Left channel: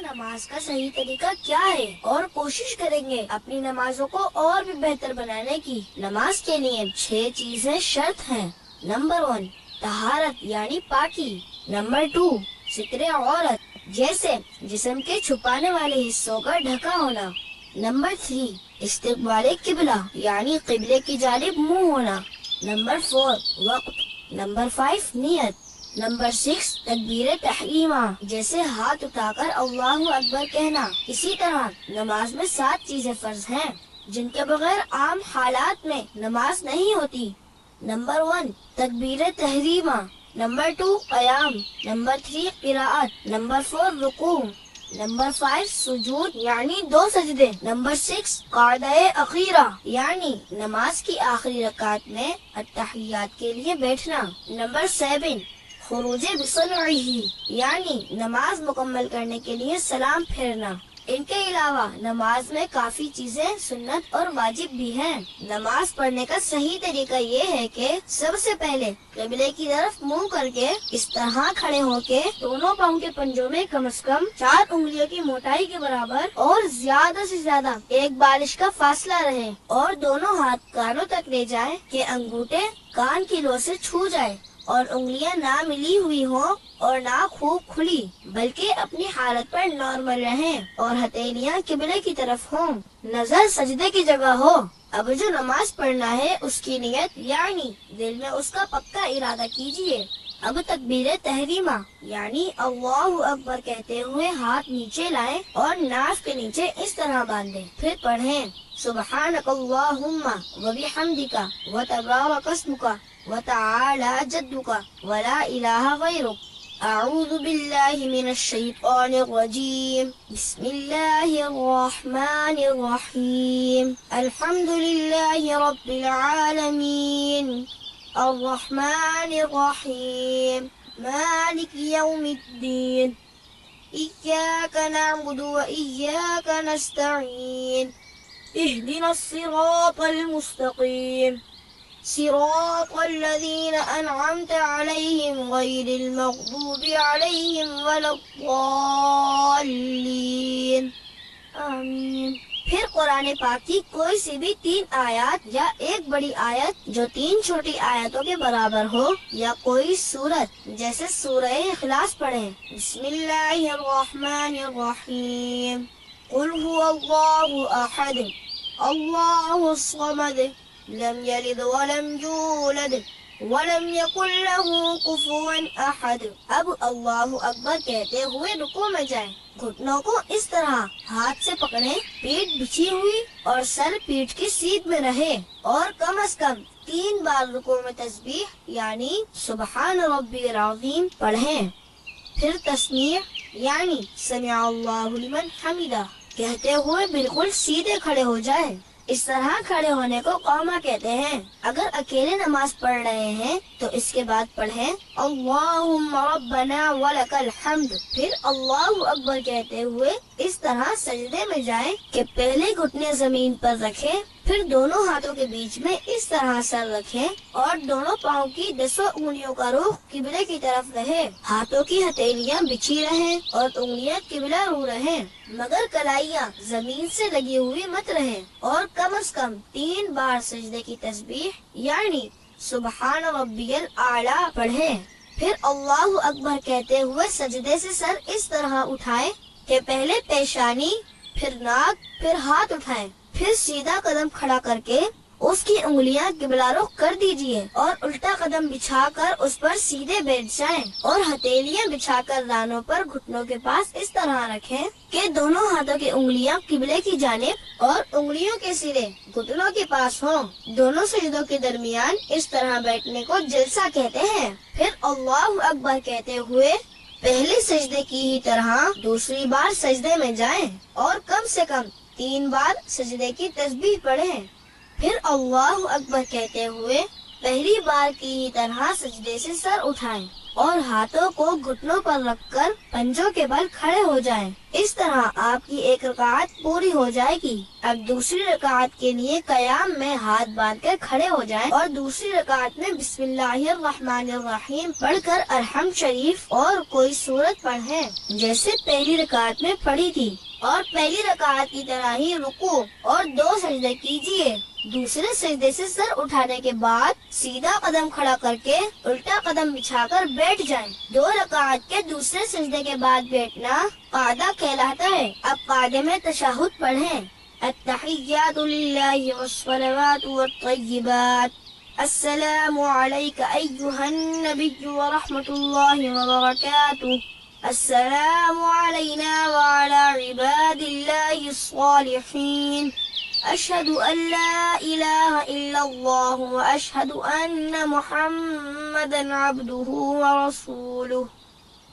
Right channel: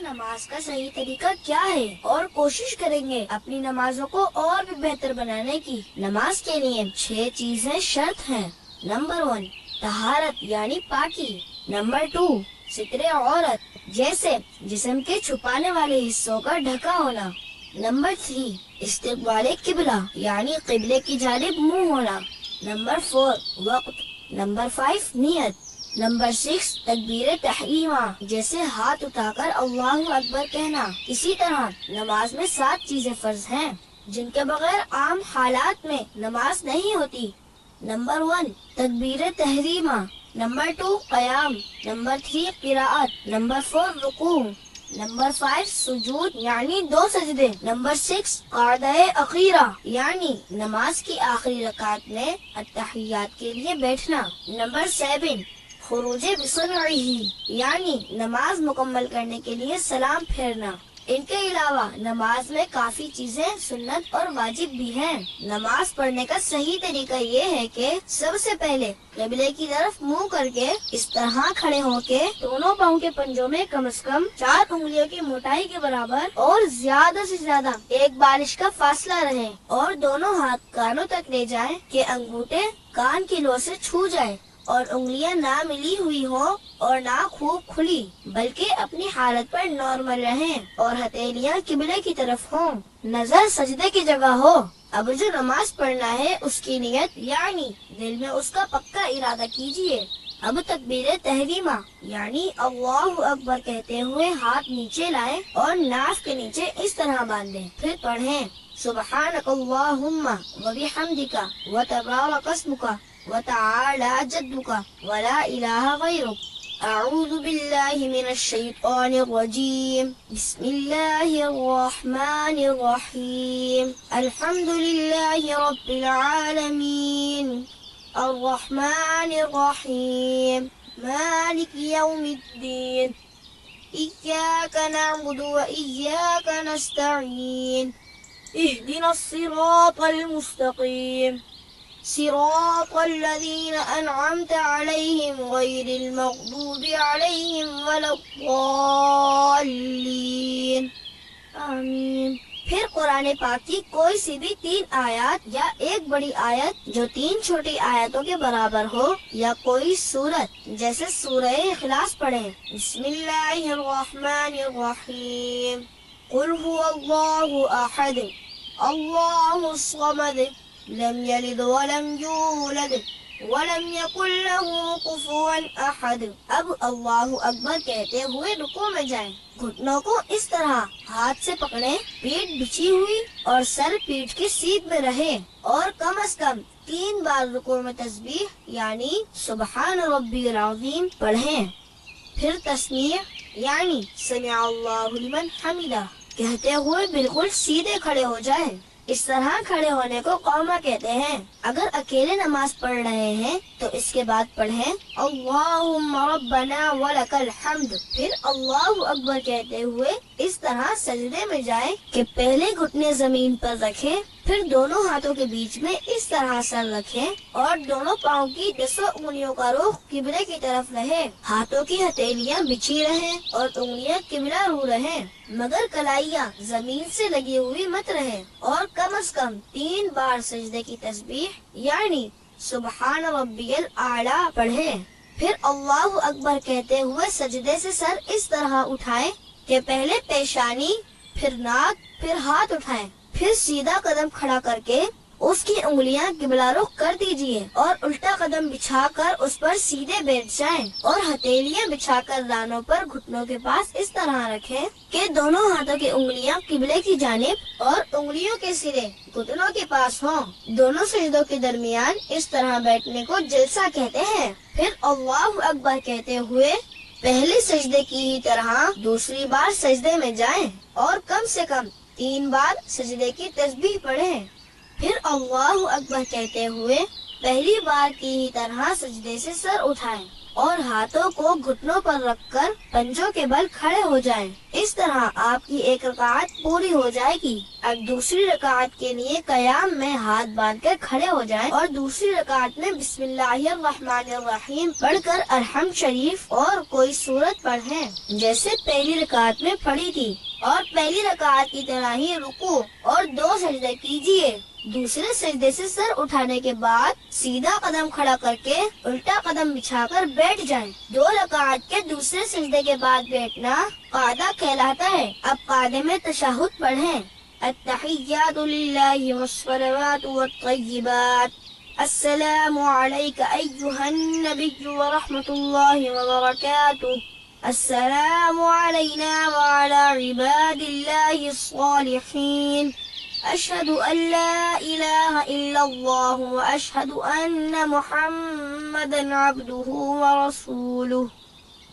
نماز کا صحیح طریقہ کیا ہے اور کوشش کریں گے اپنی نمازوں کو اور بھی بہتر بنانے کی۔ نماز کے لیے 6 چیزیں شرط ہیں۔ نمبر 1 طہارت یعنی پاکی۔ نمبر 2 ستر عورت جیسے جسم کے چھپانے والے حصوں کا ڈھکا ہونا۔ نمبر 3 استقبال قبلہ یعنی قبلے کی جانب منہ ہونا۔ نمبر 4 وقت۔ نمبر 5 نیت۔ نمبر 6 تکبیر تحریمہ جیسے ہاتھ اٹھا کر اللہ اکبر کہنا۔ اسی طرح نماز میں 7 چیزیں فرض ہیں جن کے بغیر عام حالات میں نماز نہیں ہوتی۔ نمبر 1 تکبیر تحریمہ۔ نمبر 2 قیام۔ نمبر 3 قراءت۔ نمبر 4 رکوع۔ نمبر 5 سجود یعنی 2 سجدے۔ نمبر 6 قعدہ اخیرہ یعنی نماز کی آخری رکعت میں التحیات کے لیے بیٹھنا۔ نمبر 7 خروج بسرعہ یعنی نماز مکمل کرنے کے لیے سلام پھیرنا۔ ان کے علاوہ نماز میں کافی چیزیں سنت اور واجب بھی ہیں۔ نماز پڑھنے کا صحیح طریقہ یہ ہے کہ سب سے پہلے قبلے کی طرف منہ کر کے اس طرح کھڑے ہو کے دونوں پاؤں کے پنجوں میں کم از کم 4 انگلیوں کی موٹائی کے برابر اور زیادہ سے زیادہ 1 بالش کا فاصلہ رہے اور دونوں ہاتھ کانوں تک لے جائیں کہ انگوٹھے کان کی لو سے چھو جائیں اور انگلیاں نہ ملی ہوئی ہوں اور نہ خوب کھلی بلکہ اپنی حالت پر نارمل رہیں اور ہتھیلیاں قبلے کی طرف ہوں، نظر سجدے کی جگہ ہو۔ اب جو نماز پڑھنا ہے اس کی نیت یعنی دل میں اس کا پکا ارادہ کیجئے۔ اب تکبیر تحریمہ یعنی اللہ اکبر کہتے ہوئے ہاتھ نیچے لائیں اور ناف کے نیچے اس طرح باندھیں، پھر پڑھیں سبحانک اللہم وبحمدک وتبارک اسمک وتعالی جدک ولا الہ غیرک۔ اعوذ باللہ من الشیطان الرجیم بسم اللہ الرحمن الرحیم الحمد للہ رب العالمین الرحمن الرحیم مالک یوم الدین ایاک نعبد و ایاک نستعین اهدنا الصراط المستقیم صراط الذين أنعمت عليهم غير المغضوب عليهم ولا الضالين آمین۔ پھر قرآن پاک کی کوئی سی بھی 3 آیات یا ایک بڑی آیت جو 3 چھوٹی آیتوں کے برابر ہو یا کوئی سورت جیسے سورہ اخلاص پڑھیں۔ بسم اللہ الرحمن الرحیم قل هو اللہ احد اللہ الصمد لم یلد ولم یولد ولم یکن له کفوا احد۔ اب اللہ اکبر کہتے ہوئے رکوع میں جائیں، گھٹنوں کو اس طرح ہاتھ سے پکڑیں، پیٹھ بچھی ہوئی اور سر پیٹھ کے سیدھ میں رہے اور کم از کم 3 بار رکوع میں تسبیح یعنی سبحان ربی العظیم پڑھیں۔ پھر تسمیع یعنی سمع اللہ لمن حمدہ کہتے ہوئے بالکل سیدھے کھڑے ہو جائیں۔ اس طرح کھڑے ہونے کو قوما کہتے ہیں۔ اگر اکیلے نماز پڑھ رہے ہیں تو اس کے بعد پڑھیں اللہم ربنا ولک الحمد، پھر اللہ اکبر کہتے ہوئے اس طرح سجدے میں جائیں کہ پہلے گھٹنے زمین پر رکھیں، پھر دونوں ہاتھوں کے بیچ میں اس طرح سر رکھیں اور دونوں پاؤں کی 10 انگلیوں کا رخ قبلے کی طرف رہے، ہاتھوں کی ہتھیلیاں بچھی رہیں اور انگلیاں قبلہ رو رہیں، مگر کلائیاں زمین سے لگی ہوئی مت رہیں، اور کم از کم 3 بار سجدے کی تسبیح یعنی سبحان ربی الاعلی پڑھیں۔ پھر اللہ اکبر کہتے ہوئے سجدے سے سر اس طرح اٹھائیں کہ پہلے پیشانی، پھر ناک، پھر ہاتھ اٹھائیں، پھر سیدھا قدم کھڑا کر کے اس کی انگلیاں قبلہ رخ کر دیجئے اور الٹا قدم بچھا کر اس پر سیدھے بیٹھ جائیں اور ہتھیلیاں بچھا کر رانوں پر گھٹنوں کے پاس اس طرح رکھیں کہ دونوں ہاتھوں کی انگلیاں قبلے کی جانب اور انگلیوں کے سرے گھٹنوں کے پاس ہوں۔ دونوں سجدوں کے درمیان اس طرح بیٹھنے کو جلسہ کہتے ہیں۔ پھر اللہ اکبر کہتے ہوئے پہلے سجدے کی ہی طرح دوسری بار سجدے میں جائیں اور کم سے کم 3 بار سجدے کی تسبیح پڑھیں۔ پھر اللہ اکبر کہتے ہوئے پہلی بار کی ہی طرح سجدے سے سر اٹھائیں اور ہاتھوں کو گھٹنوں پر رکھ کر پنجوں کے بل کھڑے ہو جائیں۔ اس طرح آپ کی ایک رکعت پوری ہو جائے گی۔ اب دوسری رکعت کے لیے قیام میں ہاتھ باندھ کر کھڑے ہو جائیں اور دوسری رکعت میں بسم اللہ الرحمن الرحیم پڑھ کر الحمد شریف اور کوئی سورت پڑھیں جیسے پہلی رکعت میں پڑھی تھی، اور پہلی رکعت کی طرح ہی رکوع اور 2 سجدے کیجیے۔ دوسرے سجدے سے سر اٹھانے کے بعد سیدھا قدم کھڑا کر کے الٹا قدم بچھا کر بیٹھ جائیں۔ 2 رکعت کے دوسرے سجدے کے بعد بیٹھنا قعدہ کہلاتا ہے۔ اب قعدے میں تشہد پڑھیں۔ التحیات للہ والصلوات والطیبات، السلام علیک ایہا النبی ورحمۃ اللہ وبرکاتہ، السلام علینا وعلی عباد اللہ الصالحین، اشہد ان لا الہ الا اللہ واشہد ان محمدا عبدہ ورسولہ۔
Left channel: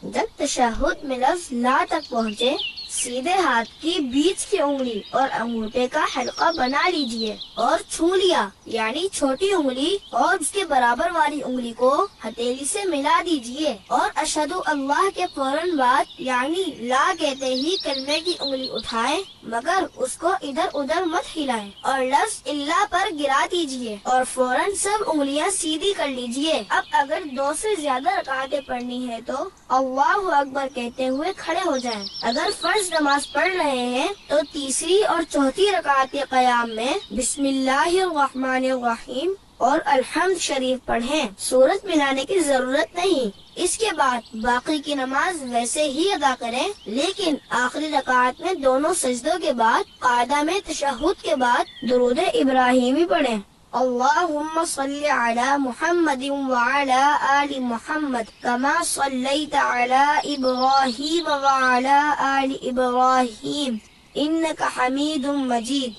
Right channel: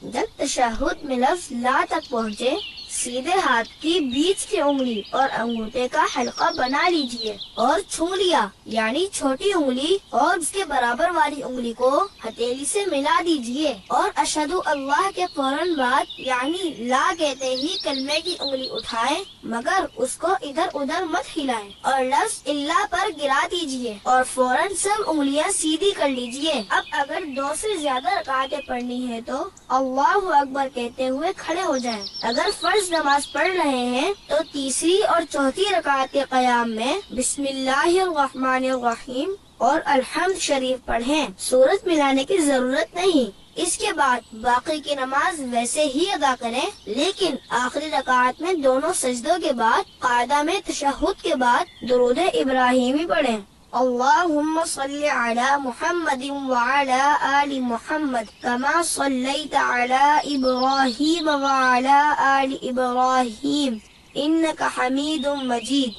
جب تشہد میں لفظ لا تک پہنچے، سیدھے ہاتھ کی بیچ کی انگلی اور انگوٹھے کا حلقہ بنا لیجئے اور چھنگلیاں یعنی چھوٹی انگلی اور اس کے برابر والی انگلی کو ہتھیلی سے ملا دیجئے، اور اشہد اللہ کے فوراً بعد یعنی لا کہتے ہی کلمے کی انگلی اٹھائیں، مگر اس کو ادھر ادھر مت ہلائیں، اور لفظ اللہ پر گرا دیجئے اور فوراً سب انگلیاں سیدھی کر لیجئے۔ اب اگر 2 سے زیادہ رکعتیں پڑھنی ہے تو اللہ اکبر کہتے ہوئے کھڑے ہو جائیں۔ اگر فرض نماز پڑھ رہے ہیں تو تیسری اور چوتھی رکعت کے قیام میں بسم اللہ الرحمن الرحیم اور الحمد شریف پڑھیں، سورت ملانے کی ضرورت نہیں۔ اس کے بعد باقی کی نماز ویسے ہی ادا کریں، لیکن آخری رکعت میں دونوں سجدوں کے بعد قعدہ میں تشہد کے بعد درود ابراہیمی پڑھیں۔ اللہم صلی علی محمد وعلی آل محمد کما صلیت علی ابراہیم وعلی آل ابراہیم انک حمید مجید۔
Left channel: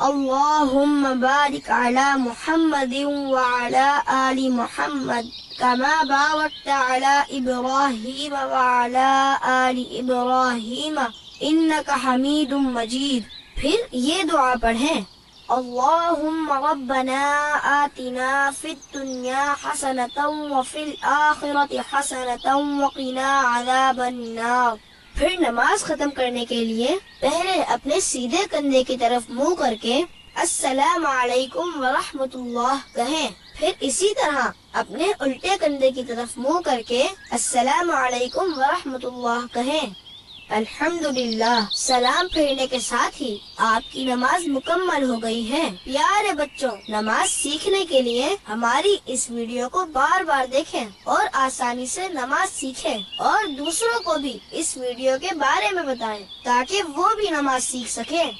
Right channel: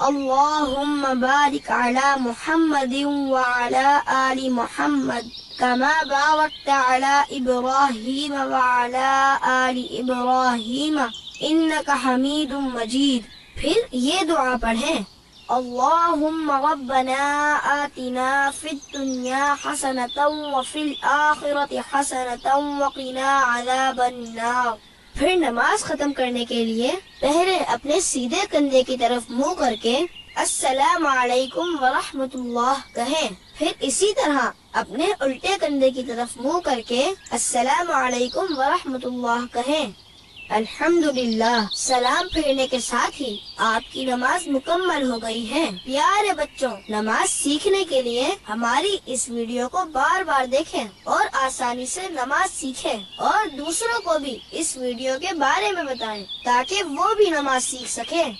اللہم بارک علی محمد وعلی آل محمد کما بارکت علی ابراہیم وعلی آل ابراہیم انک حمید مجید۔ پھر یہ دعا پڑھیں، اللہم ربنا آتنا فی الدنیا حسنۃ وفی الآخرۃ حسنۃ وقنا عذاب النار۔ پھر نماز ختم کرنے کے لیے پہلے اپنے سیدھے کندھے کی طرف منہ کر کے السلام علیکم ورحمۃ اللہ کہیں، پھر اسی طرح اپنے الٹے کندھے کی طرف منہ کر کے السلام علیکم ورحمۃ اللہ کہیں۔ الحمدللہ، سلام پھیرنے کے ساتھ ہی آپ کی نماز مکمل ہو گئی ہے۔ پیارے بچوں، نماز سیکھنے کے لیے ہماری اس ویڈیو کو بار بار دیکھیں اور آسانی سے نماز سیکھیں، اور دوسروں کو بھی اس ویڈیو کے بارے میں بتائیں تاکہ وہ بھی نماز سیکھ سکیں۔